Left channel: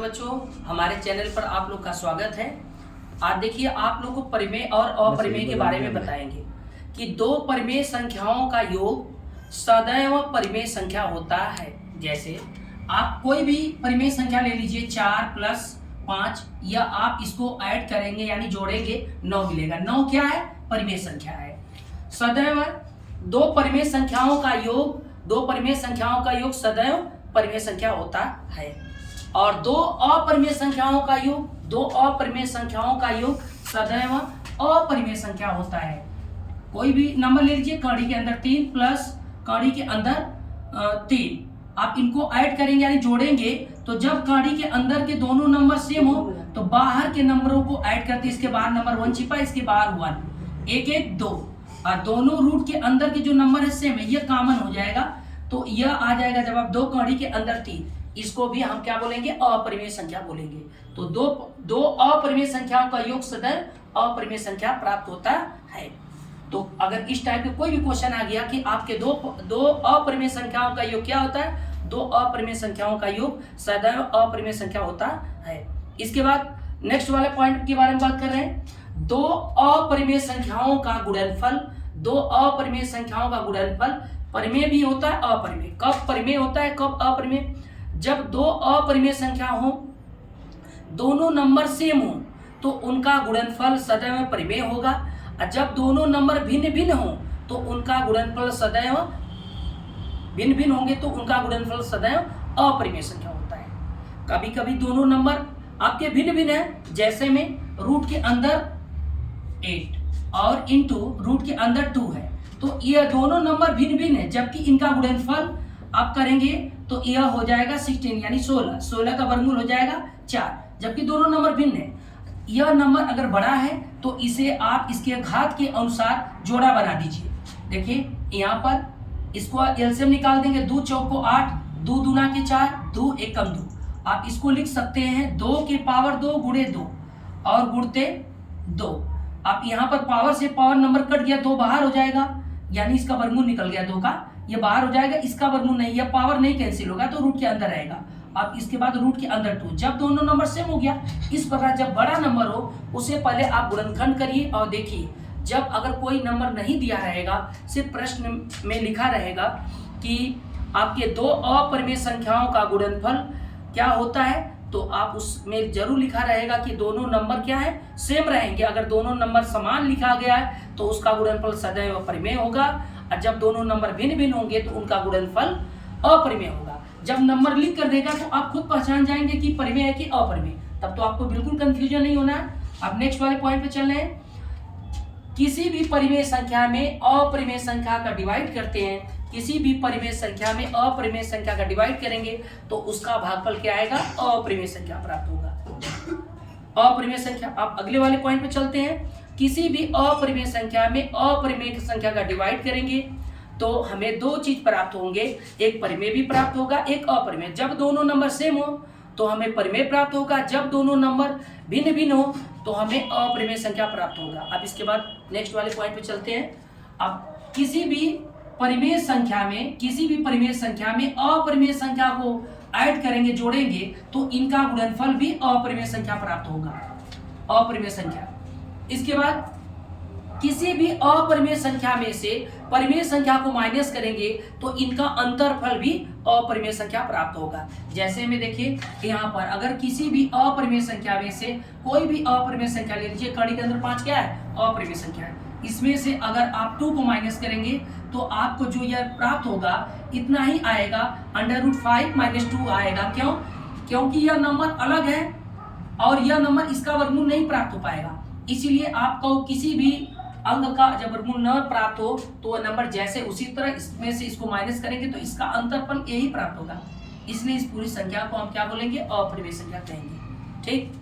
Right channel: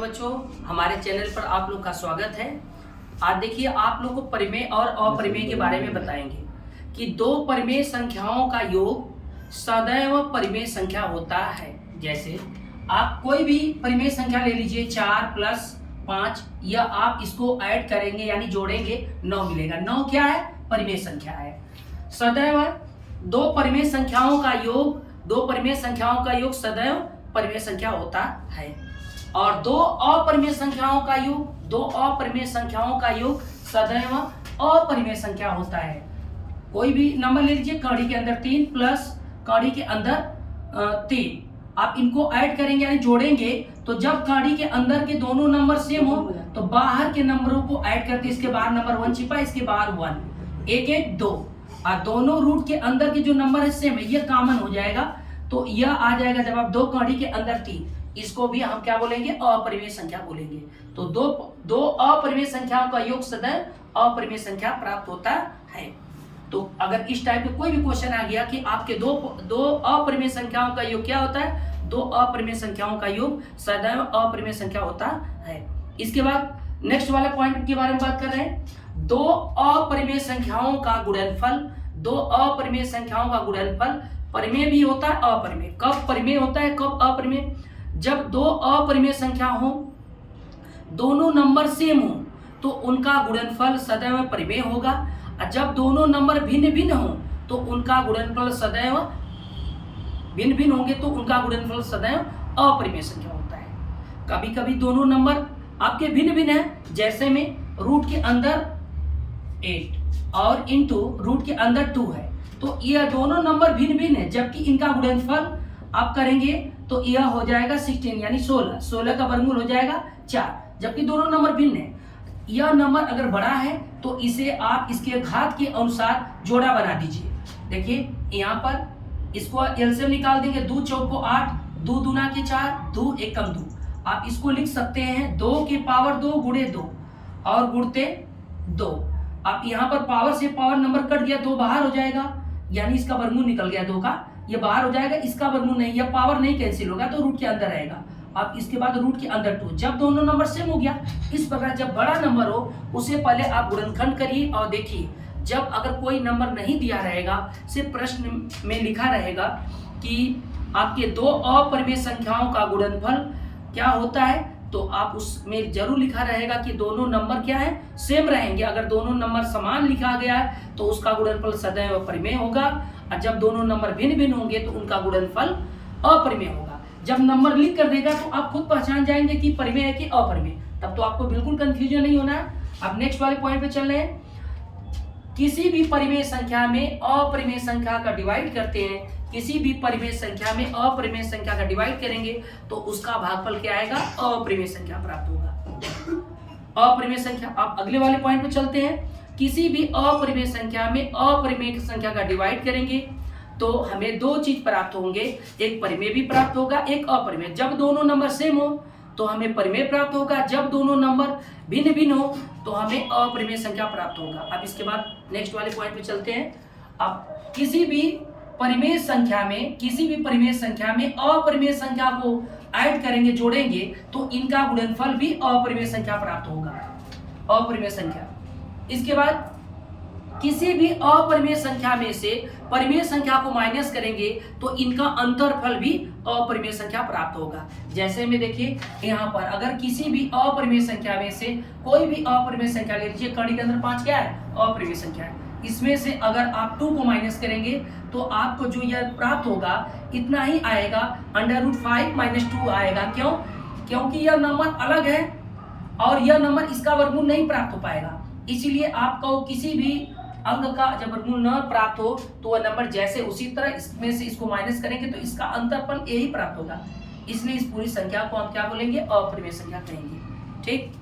बच्चों, हमारे चैनल पर आप लोग का स्वागत है। आज देखिए आप लोग को परिमेय और अपरिमेय के बारे में बताएंगे कि दो परिमेय संख्याओं का योग सदैव परिमेय संख्या होता है। जैसे आप कोई भी परिमेय संख्या ले लीजिए 4 + 5, या आप इसको ऐड करेंगे यानी जोड़ेंगे 9 मिलेगा। 9 क्या है? परिमेय संख्या है। सदैव दो परिमेय संख्याओं का योग सदैव परिमेय संख्या होता है। और दो अपरिमेय संख्याओं का योग सदैव अपरिमेय संख्या होता है। कोई भी नंबर ले लीजिए, कड़ी के अंदर 3 प्लस कड़ी के अंदर 3, आप इनको ऐड करेंगे यानी जोड़ेंगे, तो जब कड़ी के अंदर के दोनों नंबर सेम हो तो बाहर के नंबरों को ऐड करते, इसके बाहर नंबर 1 छिपा, इसके बाहर 1, 1 1 2, और दोनों रूट के अंदर के जो नंबर है सेम है, ये कॉमन हो जाएगा, तो यह आ जाएगा। जब आप दो कड़ी के अंदर 3, इसको भी हम क्या बोलेंगे? अपरिमेय संख्या बोलेंगे। तो दो अपरिमेय संख्याओं का योग सदैव अपरिमेय संख्या प्राप्त होता है। तो अगर इस टाइप का कोई भी क्वेश्चन आ गया कि आपके दो अपरिमेय संख्याओं का योग क्या होता है, दो अपरिमेय संख्याओं का योग सदैव अपरिमेय संख्या होता है। इसके बाद नेक्स्ट वाले पॉइंट के बारे में बात कर रहे हैं। दो अपरिमेय संख्याओं का गुणनफल परिमेय भी होता है, अपरिमेय। कब परिमेय होता है, कब अपरिमेय? जब दो अपरिमेय संख्या हो, दोनों नंबर सेम हो, तो उनका गुणनफल सदैव परिमेय होगा। और जब दोनों नंबर भिन्न भिन्न हो तो उनका गुणनफल सदैव अपरिमेय संख्या होता है। कभी कभी दोनों नंबर आपके भिन्न भिन्न है, जैसे में रूट के अंदर 8 और इंटू रूट के अंदर 2 है, तो यह दोनों नंबर भिन्न भिन्न है, जबकि इनका गुणनफल आप करेंगे तो यह हो जाएगा 16 यानी 16 का वर्गमूल हो जाएगा 4, जबकि दोनों नंबर भिन्न है। यह नंबर अगर बड़ा है तो इसे आप इसके घात के अनुसार जोड़ा बना दीजिए। देखिए यहाँ पर इसको एलसीएम निकाल देंगे, 2 चौको 8, 2 दूना के 4, 2 एकम 2। आप इसको लिख सकते हैं 2 की पावर 2 गुणे 2 और गुणते 2। आप यहाँ पर पावर से पावर नंबर कट गया, 2 बाहर हो जाएगा, यानी इसका वर्गमूल निकल गया 2 का, ये बाहर हो जाएगा, इसका वर्गमूल नहीं, यह पावर नहीं कैंसिल होगा, तो रूट के अंदर रहेगा। अब इसके बाद रूट के अंदर 2, जब दोनों नंबर सेम हो गया। इस प्रकार जब बड़ा नंबर हो उसे पहले आप गुणनखंड करिए और देखिए, जब अगर कोई नंबर नहीं दिया रहेगा, सिर्फ प्रश्न में लिखा रहेगा कि आपके दो अपरिमेय संख्याओं का गुणनफल क्या होता है, तो आप उसमें जरूर लिखा रहेगा कि दोनों नंबर क्या है, सेम रहेंगे। अगर दोनों नंबर समान लिखा गया है तो उसका गुणनफल सदैव परिमेय होगा, और जब दोनों नंबर भिन्न भिन्न होंगे तो उनका गुणनफल अपरिमेय होगा। जब नंबर लिख कर देगा तो आप खुद पहचान जाएंगे कि परिमेय है कि अपरिमेय, तब तो आपको बिल्कुल कंफ्यूजन नहीं होना है। अब नेक्स्ट वाले पॉइंट पे चल रहे हैं। किसी भी परिमेय संख्या में अपरिमेय संख्या का डिवाइड करते हैं, किसी भी परिमेय संख्या में अपरिमेय संख्या का डिवाइड करेंगे तो उसका भागफल क्या आएगा? अपरिमेय संख्या प्राप्त होगा। अपरिमेय संख्या, आप अगले वाले पॉइंट पे चलते हैं। किसी भी अपरिमेय संख्या में अपरिमेय संख्या का डिवाइड करेंगे तो हमें दो चीज प्राप्त होंगे, एक परिमेय भी प्राप्त होगा, एक अपरिमेय। जब दोनों नंबर सेम हो तो हमें परिमेय प्राप्त होगा, जब दोनों नंबर भिन्न भिन्न हो तो हमें अपरिमेय संख्या प्राप्त होगा। अब इसके बाद नेक्स्ट वाले पॉइंट पे चलते हैं। अब किसी भी परिमेय संख्या में अपरिमेय संख्या को ऐड करेंगे, जोड़ेंगे, तो इनका गुणनफल भी अपरिमेय संख्या प्राप्त होगा, अपरिमेय संख्या। इसके बाद किसी भी अपरिमेय संख्या में से परिमेय संख्या को माइनस करेंगे तो इनका अंतरफल भी अपरिमेय संख्या प्राप्त होगा। जैसे में देखिए यहाँ पर अगर किसी भी अपरिमेय संख्या में से कोई भी अपरिमेय संख्या ले लीजिए, कड़ी के अंदर 5 क्या है? अपरिमेय संख्या है। इसमें से अगर आप 2 को माइनस करेंगे तो आपको जो यह प्राप्त होगा इतना ही आएगा, √5 - 2 आएगा। क्यों? क्योंकि यह नंबर अलग है और यह नंबर इसका वर्गमूल नहीं प्राप्त हो पाएगा। इसीलिए आपको किसी भी अंक का जब वर्गमूल न प्राप्त हो तो वह नंबर जैसे उसी तरह इसमें से इसको माइनस करेंगे तो इसका अंतरफल यही प्राप्त होगा। इसलिए इस पूरी संख्या को हम क्या बोलेंगे? अपरिमेय संख्या कहेंगे। ठीक।